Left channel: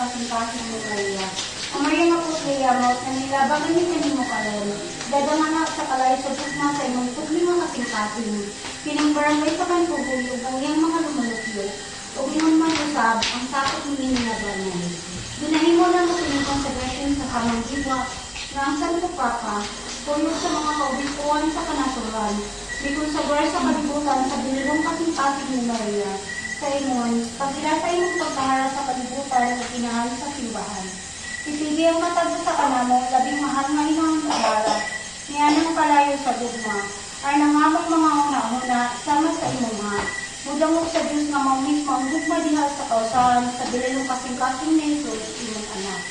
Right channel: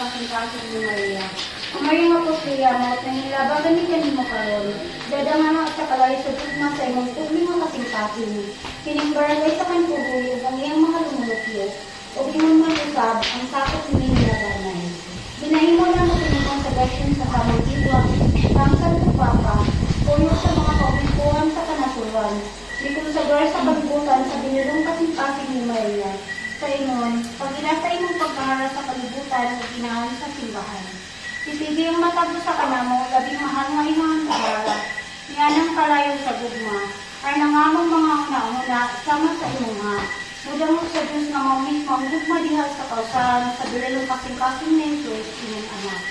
kasing-kasing ni Maria. Ang Maria mapusiya mo, na nilabagan ni kanimo karon. Dadama nga sa kalay sa pugma sa imong pugli nga kasing-kasing. Kining barangay sa kanpuguyog ang iyang mga lumulukiyot. O imong manusab ang sakot ni nilabanan. Dunahin mo na makinig sa gasyon sa kamang diwa. Pangsal mo papa, puyog sa mga kaubikuan sa kanasuran. Bikong sa guwar sa kalibutan sa binirong kasing-kasing ni Maria. Sa ingon, pag inasay mong pagkahala sa kalibutan o inahan sa simbahan. Isigi ang matag sa kanamo, labing mahal nga inang kahala. Niyanang palayo sa gugma, ay nangamang mga una-una, sama sa imong nga. Mudang mo sa Diyos nga mamit, mamugma diha sa kausahan, sa bilalong kasing-kasing na Jesus, imong anak.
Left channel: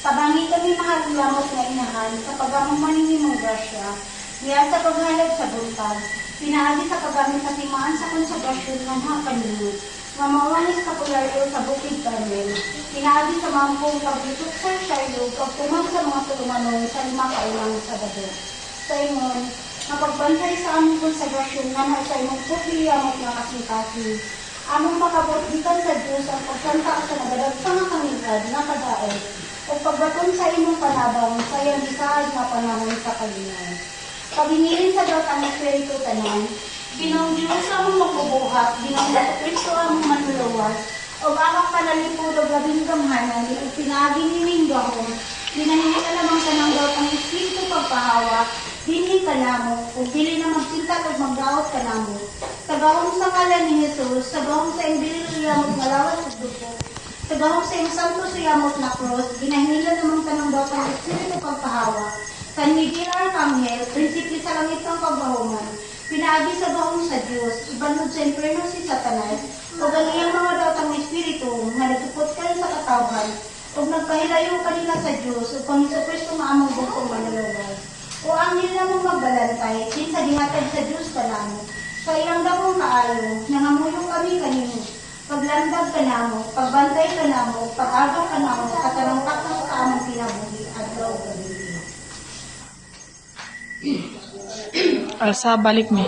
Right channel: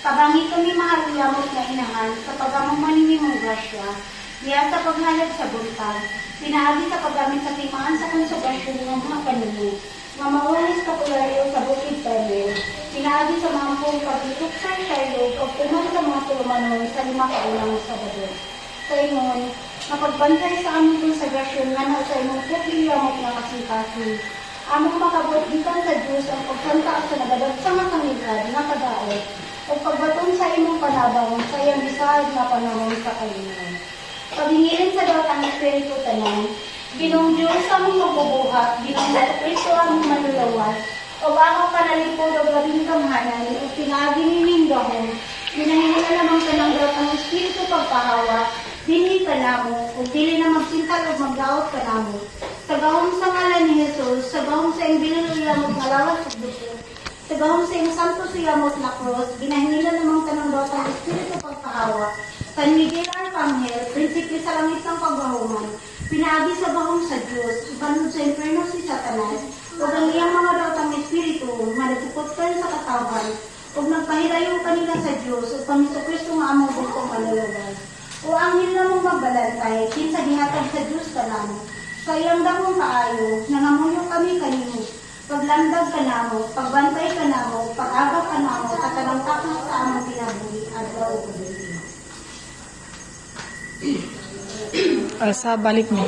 Tabangi kami mahalulamot nga inahan, sa pagamumanin imong grasya, niya sa paghalad sa buntag, pinaagi sa paggamit sa timaan sa konsegrasyon ng mga kanino, nga mawalis popularyo sa Bukid Carmel, pinaagi sa mampong paglutok sa Shiloh, pagtuman sa mga tulumanon sa 5 kaunang Sabado. Sa ingon, napagbantay sa aming konsegrasyon nga na sa imong pagkiliyamot nga kasing-kasing, aming makabutbitan sa Diyos ang pagpunta sa nagadagsang nga kanilad nga kadaot, o pagdaton sa imong panabang sa iyang bisahag nga pangamon sa kalingan. Pabingilin sa Diyos ang Espiritu Tanan, Ginong Diyos among magbubuhat, Ginong Kristo among manulawas, o among panalipod o labing gamhanan, o pinagi ni Mindahon, ginahingila namang kananggaw ang Espiritu pagpahawa, dili ka namo, o dili na magsintal o magdawat ka namo. Tagahon sa ngalan ni Jesus, tagahon sa iyong bilil iyamot na lawas at dugo, tagahon sa iyong santo siyamot na cross, ginahingila namang kananggaw ang Espiritu pagpahawa, San Miguel Arcangel, prinsipe sa langit ng pagbahuman, pinaagi sa bahong sa Diyos, ibanod sa imperno si Satanas, o ganiyang mga daotang espiritu, nga nagpuputkan sa katawan, o nagpahilayo kanila sa Diyos, o Panginoon Kristo maamang bukong manlalabas. O angil na mong magbalantay, kinsa dihatag sa Diyos ka namo, sa ilang damong kaayo, nangamulong kami kanino, paglandag ka namo, pagbantay ka namo, pag-aga ka namo, sa tanang tapos sa amang pinabuhi, at daw Alsa, balik mo.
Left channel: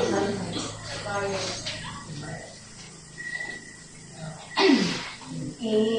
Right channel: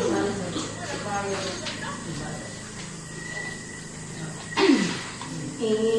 Eh,